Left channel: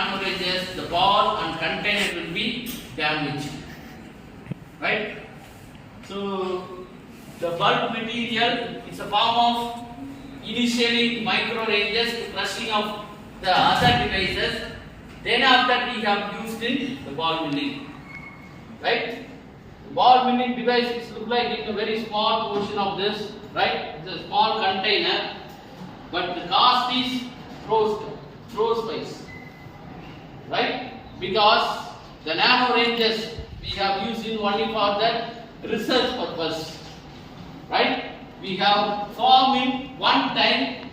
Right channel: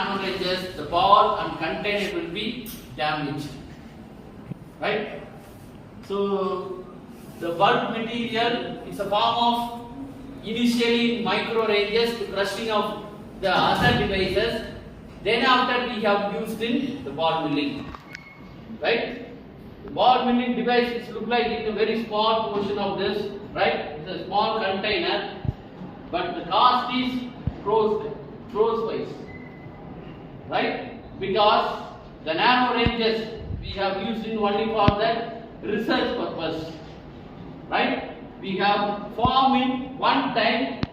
nano ranges, the ball and container will be damaged. Right? So the bulk material is a form of initially micro ranges to crushing of the other devices. Then after we have used in the ball milling. Right? The ball milling devices look like it's a very small portion of this. Right? It's a small container, but the cost is crores wise. Right? Because the nano ranges we have used in only for the research purpose. Right? We have formed in one time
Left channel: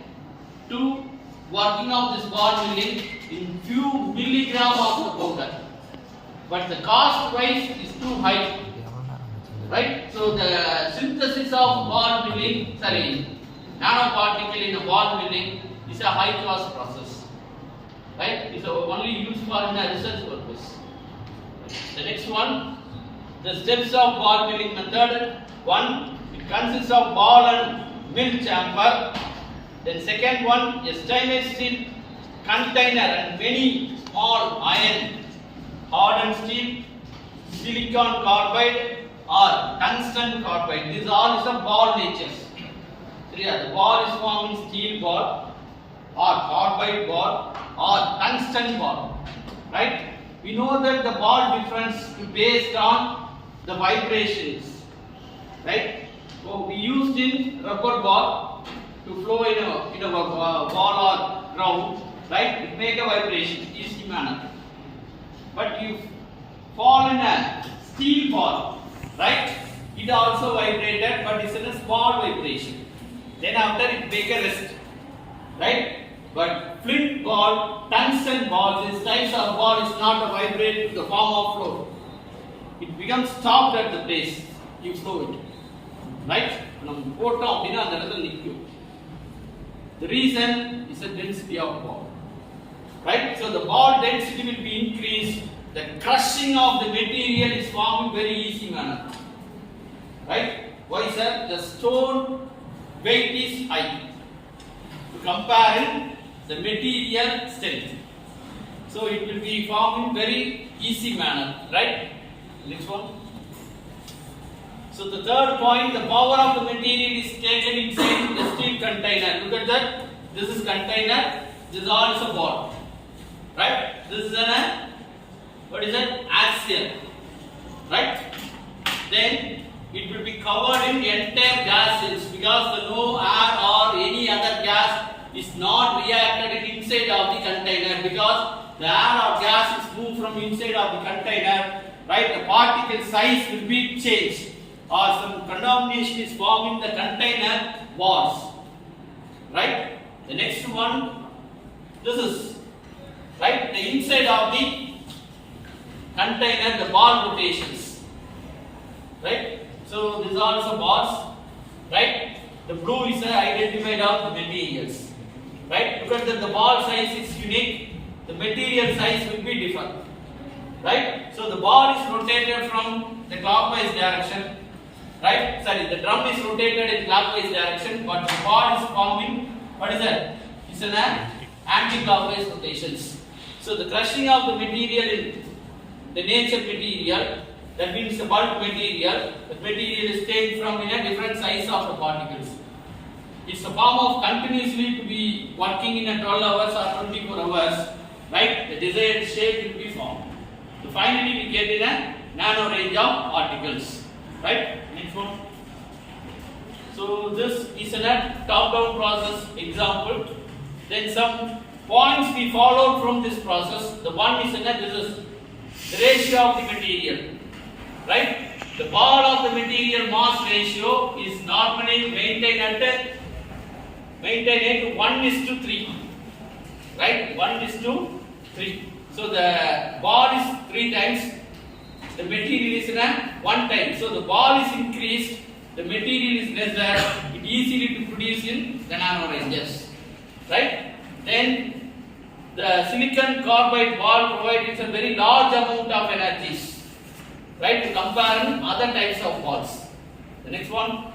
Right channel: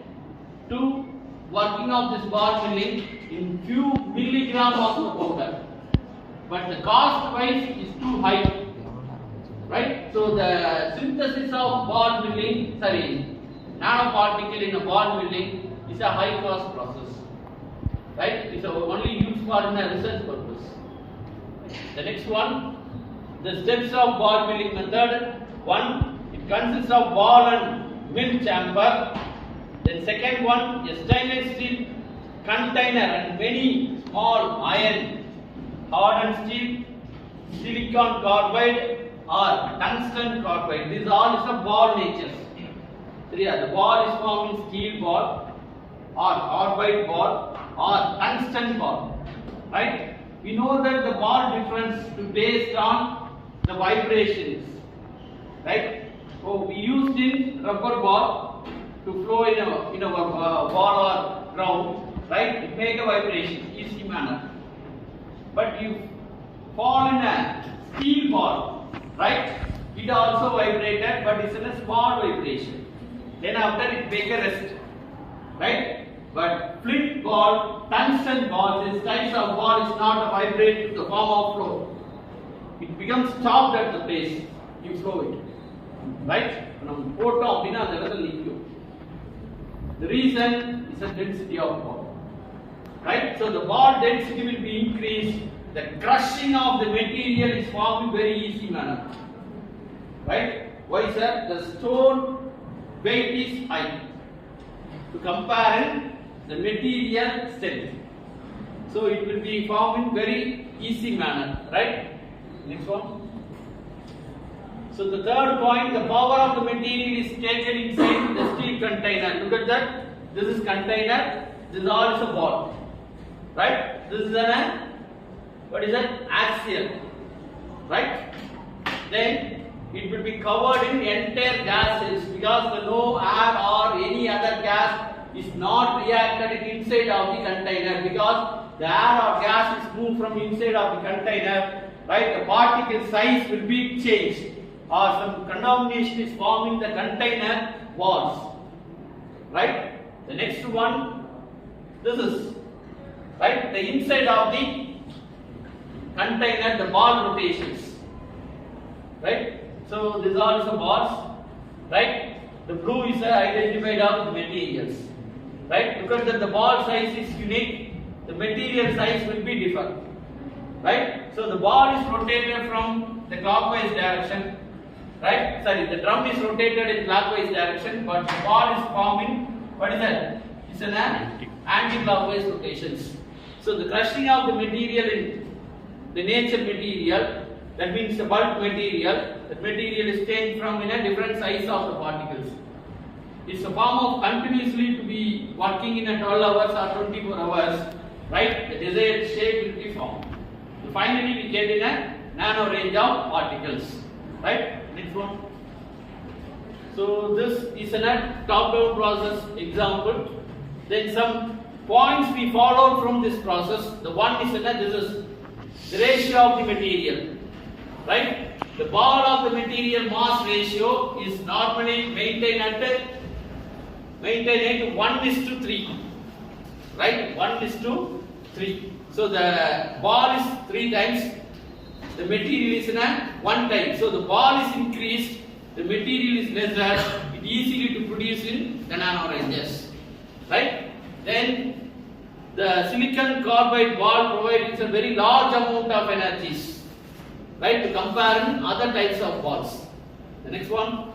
to working of this ball milling in few milligram of the powder. But the cost wise is too high. Right? So the synthesis of ball milling, nanoparticle in a ball milling is a high cost process. Right? It's only used for in a research purpose. The next one, the steps of ball milling method. One, it consists of ball and mill chamber. Then second one, a stainless steel container and many small iron, hardened steel, silicon carbide or tungsten carbide. These all is a ball natures. So yeah, the ball is formed in steel ball or carbide ball or tungsten ball. Right? We know that the ball difference is based on the vibrations. Right? So we used in rubber ball to flow in a ball or ground. Right? It make a vibration, easy manner. But you fall in a steel ball, right? It also vibrated, but it's in a small vibration. Then after it make a rest, right? But flint ball, tungsten ball, this types of ball is not a vibrate to the form of flow. It becomes stopped at the base. You slow it, right? The reason is the density of ball, right? So the ball density will be increased. The crushing of the material is formed in very easy manner, right? Why, sir? The stone weight is high to compare the material strength. So it will be formed in very easy manner, right? Next one. So the third point, the power of the material is taken inside the steel container. Look at that. This is container. This is all is a ball, right? This is an what is that? Axial, right? Then it will be covered in entire gases because no air or any other gas is not reacted inside of the container because the air or gas is moved from inside of the container, right? The particle size will be changed or some contamination is forming the container walls, right? The next one, this is right the inside of the container, the ball rotations, right? So these are some balls, right? The blue is identified of the materials, right? Look at that, the ball size is unique, the material size will be different, right? So the ball is rotated from the clockwise direction, right? The drum is rotated in clockwise direction, but the ball is forming, what is that? It's an anti-clockwise rotations. So the crushing of the material in the nature material, that means the bulk material, that material is taken from in a different size of the particles. It's a form of continuously to be working in a 12 hours or 24 hours, right? The desired shape will be formed. So finally we get in a nano range of particles, right? Next one. So this is a top-down process example. Then some points we followed from this process. The one is this is the ratio of the material, right? The ball of the material mass ratio is normally maintained at 1:3, right? 1:3. So the ball is 3 times, the material is 1 time. So the ball is increased, the material is lesser, it easily to produce in the nano ranges, right? Then the silicon carbide ball provides a very large amount of energies, right, to compare other types of balls. The next one,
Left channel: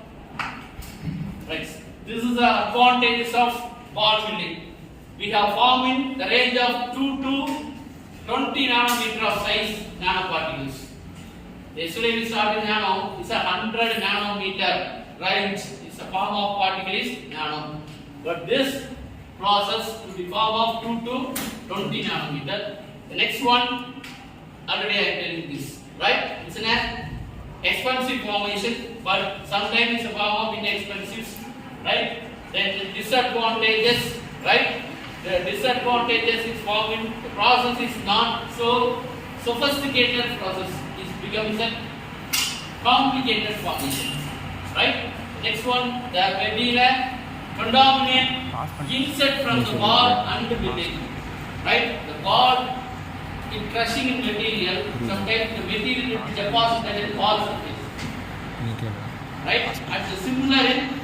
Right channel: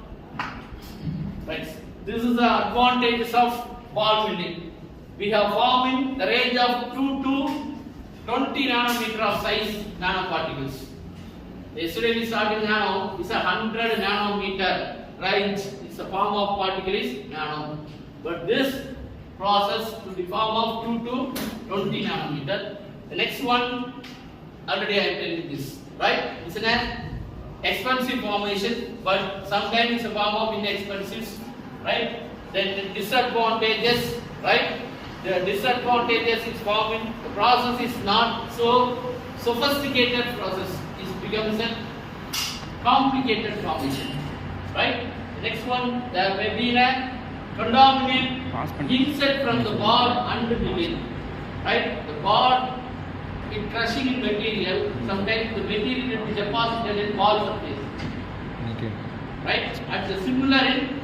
right? This is the advantages of ball milling. We have formed in the range of 2 to 20 nanometer of size nanoparticles. Yesterday we started nano, it's a 100 nanometer range. It's a form of particle is nano. But this process to the form of 2 to 20 nanometer. The next one, already I am telling this, right? It's an expensive formation, but sometimes it's a form of inexpensive, right? Then disadvantages, right? The disadvantages is forming, the process is not so sophisticated process, it becomes a complicated formation, right? Next one, there may be a contaminant insert from the bar and the milling, right? The bar in crushing in material, sometimes the material is deposited in ball surface, right? And the similar in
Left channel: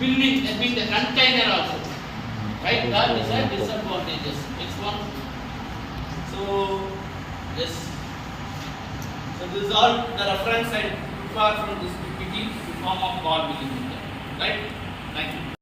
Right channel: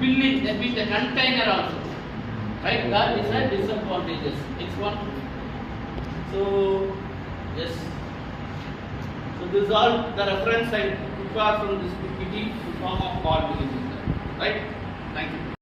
milling, that means the container also. Right, that is a disadvantages. Next one. So, yes. So this is all the reference I prefer from this PPT in form of Ballmilling. Right? Thank you.